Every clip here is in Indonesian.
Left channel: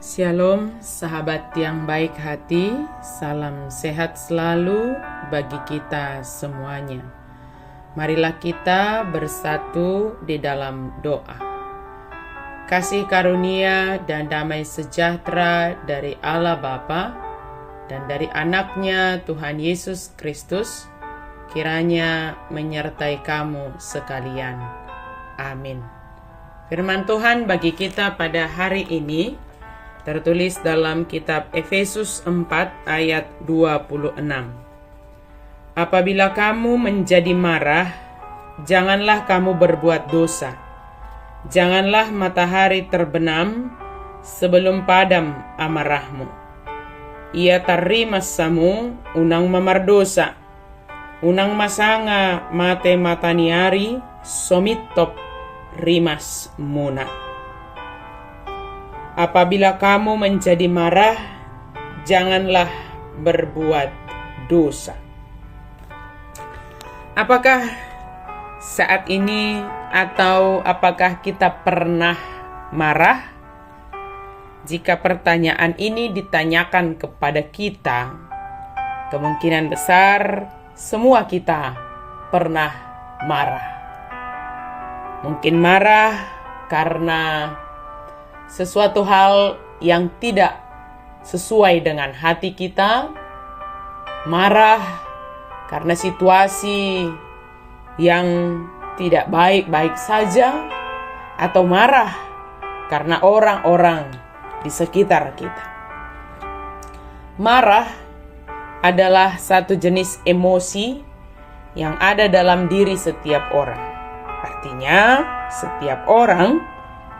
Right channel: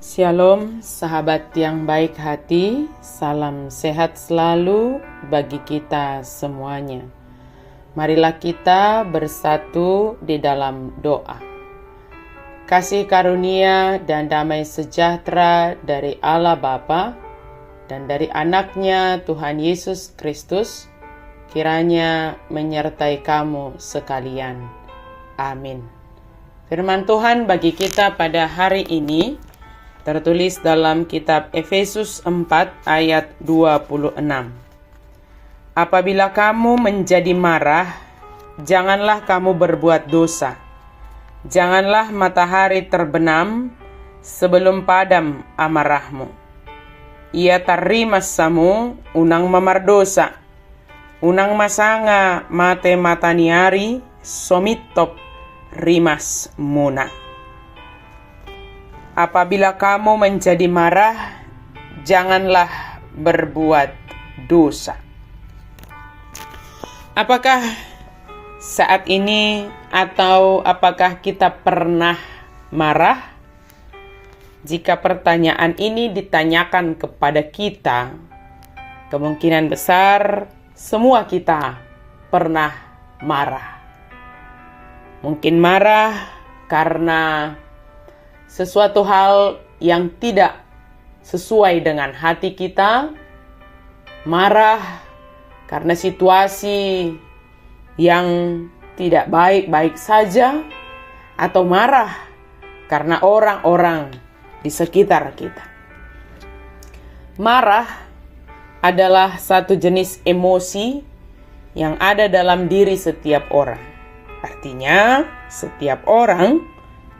Shalom sahabat yang baik hati, salam sehat selalu bagi kita semuanya. Marilah kita bersatu di dalam doa. Kasih karunia dan damai sejahtera dari Allah Bapa dan dari anaknya Tuhan Yesus Kristus kiranya menyertai kamu sekalian. Amin. Firman Tuhan bagi kita pada hari ini tertulis dalam kitab Efesus 4 ayat 26. Apabila kamu menjadi marah, janganlah kamu berbuat dosa. Janganlah matahari terbenam sebelum padam amarahmu. Ia tarimassamu unang mamardosa. Unang masanga mate mataniari somitop rimas muna. Apabila kamu menjadi marah, janganlah berbuat dosa. Apakah saat ini atau apakah kita pernah marah? Jika pertanyaan ini ditanyakan kepada kita, kemungkinan besar semua kita pernah marah. Mungkin marah karena sesuatu hal yang tidak sesuai dengan hati kita, marah karena situasi yang tidak baik-baik saja, atau marah karena orang-orang di sekitar kita. Marah adalah satu jenis emosi yang ada dalam diri setiap orang. Artinya, setiap orang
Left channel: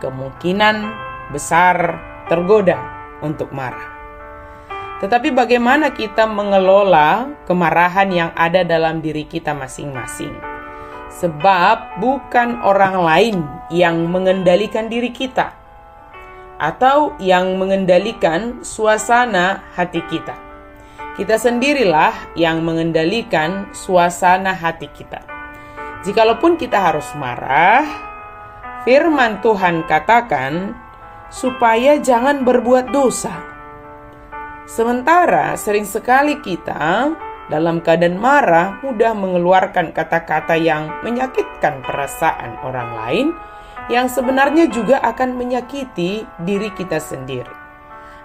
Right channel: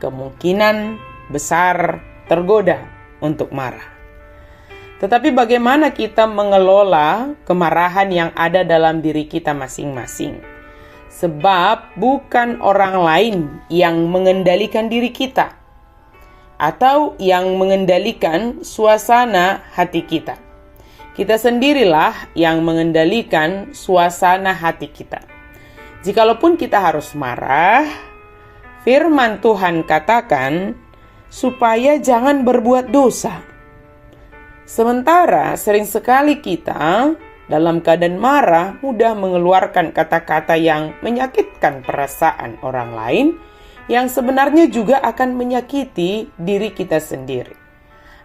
kemungkinan besar tergoda untuk marah. Tetapi bagaimana kita mengelola kemarahan yang ada dalam diri kita masing-masing? Sebab bukan orang lain yang mengendalikan diri kita atau yang mengendalikan suasana hati kita. Kita sendirilah yang mengendalikan suasana hati kita. Jikalaupun kita harus marah, firman Tuhan katakan supaya jangan berbuat dosa. Sementara sering sekali kita dalam keadaan marah mudah mengeluarkan kata-kata yang menyakitkan perasaan orang lain, yang sebenarnya juga akan menyakiti diri kita sendiri.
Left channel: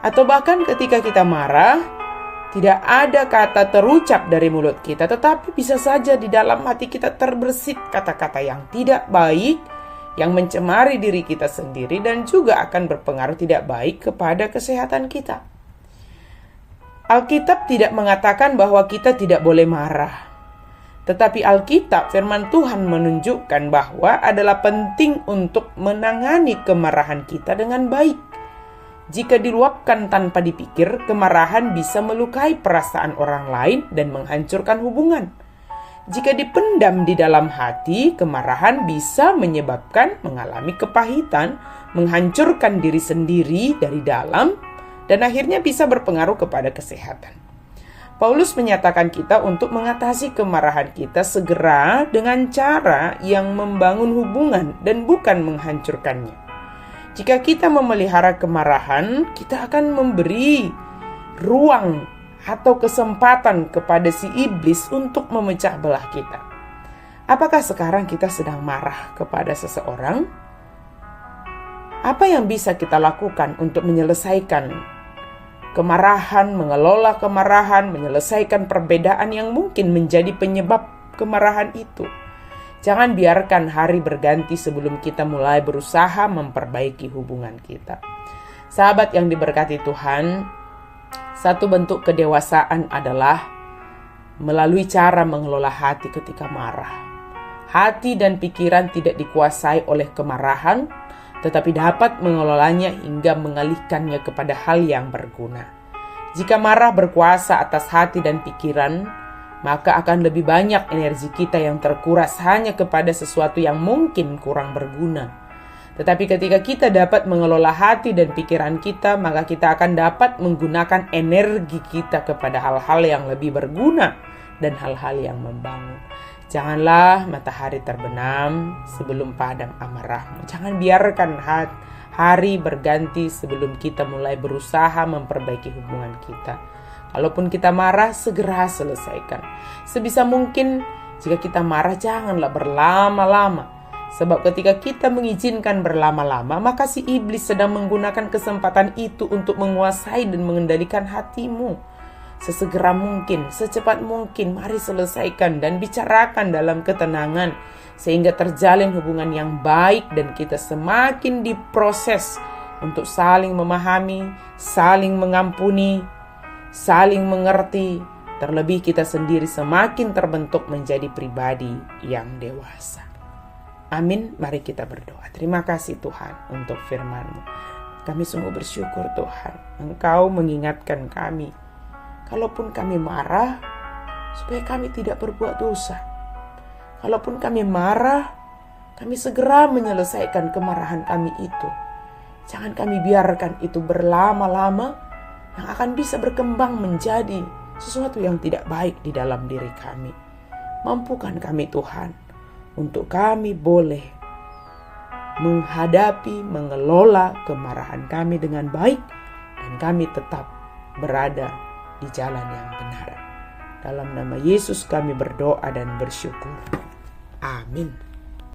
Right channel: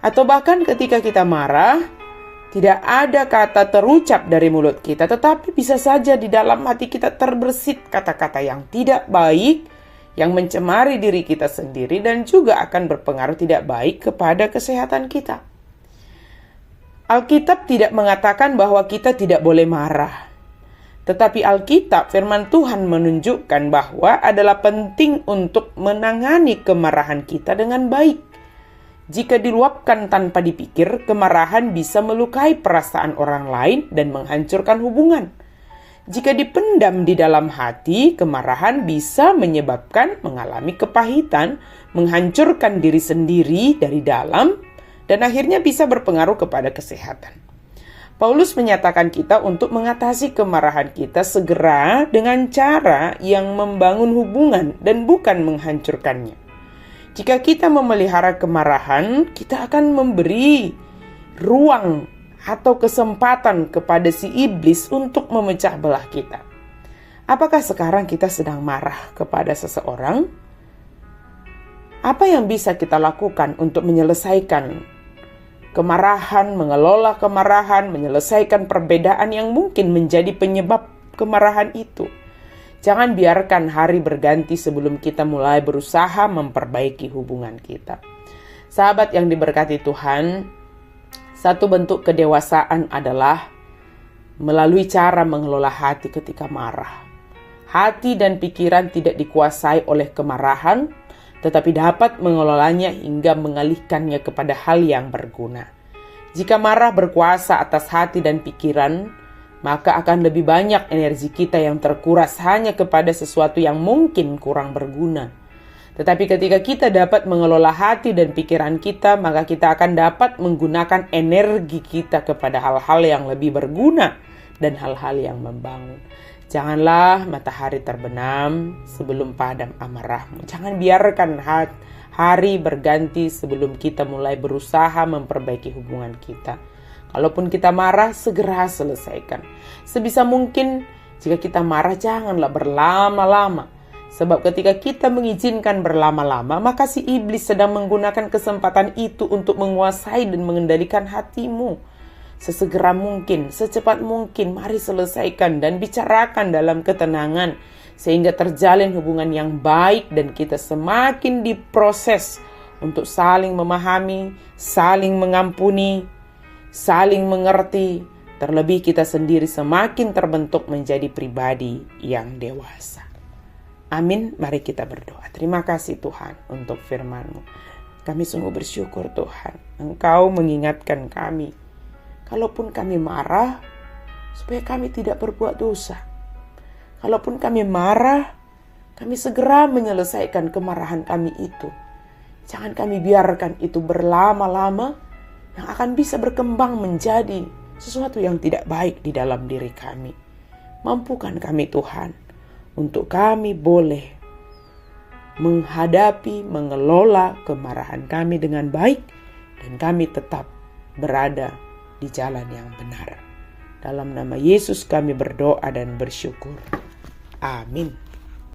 Atau bahkan ketika kita marah, tidak ada kata terucap dari mulut kita, tetapi bisa saja di dalam hati kita terbersit kata-kata yang tidak baik, yang mencemari diri kita sendiri dan juga akan berpengaruh tidak baik kepada kesehatan kita. Alkitab tidak mengatakan bahwa kita tidak boleh marah. Tetapi Alkitab, firman Tuhan menunjukkan bahwa adalah penting untuk menangani kemarahan kita dengan baik. Jika diluapkan tanpa dipikir, kemarahan bisa melukai perasaan orang lain dan menghancurkan hubungan. Jika dipendam di dalam hati, kemarahan bisa menyebabkan mengalami kepahitan, menghancurkan diri sendiri dari dalam, dan akhirnya bisa berpengaruh kepada kesehatan. Paulus menyatakan kita untuk mengatasi kemarahan kita segera dengan cara yang membangun hubungan dan bukan menghancurkannya. Jika kita memelihara kemarahan, kita akan memberi ruang atau kesempatan kepada si iblis untuk memecah belah kita. Apakah sekarang kita sedang marah kepada seseorang? Apa yang bisa kita lakukan untuk menyelesaikan kemarahan, mengelola kemarahan, menyelesaikan perbedaan yang mungkin menjadi penyebab kemarahan itu? Jangan biarkan hari berganti sebelum kita mulai berusaha memperbaiki hubungan kita. Sahabat yang diberkati Tuhan, satu bentuk kedewasaan adalah melalui cara mengelola hati ketika marah. Hati dan pikiran tidak dikuasai oleh kemarahan, tetapi dapat mengelolanya hingga mengalihkannya kepada hal yang berguna. Jika marah berkuasa atas hati dan pikiran, maka akan lebih banyak energi kita yang terkuras hanya kepada sesuatu yang mungkin kurang berguna. Tetapi ketika kita dapat mengelola hati dan pikiran kita, maka kita akan dapat menggunakan energi kita kepada hal-hal yang lebih berguna dan hal-hal yang membangun. Janganlah matahari terbenam sebelum padam amarahmu. Jangan biarkan Hari berganti sebelum kita mulai berusaha memperbaiki hubungan kita. Kalaupun kita marah, segera selesaikan. Sebisa mungkin jika kita marah, janganlah berlama-lama. Sebab ketika kita mengizinkan berlama-lama, maka si iblis sedang menggunakan kesempatan itu untuk menguasai dan mengendalikan hatimu. Sesegera mungkin, secepat mungkin, mari selesaikan dan bicarakan dalam ketenangan, sehingga terjalin hubungan yang baik dan kita semakin diproses untuk saling memahami, saling mengampuni, saling mengerti. Terlebih kita sendiri semakin terbentuk menjadi pribadi yang dewasa. Amin. Mari kita berdoa. Terima kasih Tuhan untuk firman-Mu. Kami sungguh bersyukur Tuhan, Engkau mengingatkan kami, kalaupun kami marah, supaya kami tidak berbuat dosa. Kalaupun kami marah, kami segera menyelesaikan kemarahan kami itu. Jangan kami biarkan itu berlama-lama, yang akan bisa berkembang menjadi sesuatu yang tidak baik di dalam diri kami. Mampukan kami Tuhan, untuk kami boleh menghadapi, mengelola kemarahan kami dengan baik, dan kami tetap berada di jalan yang benar. Dalam nama Yesus kami berdoa dan bersyukur. Amin.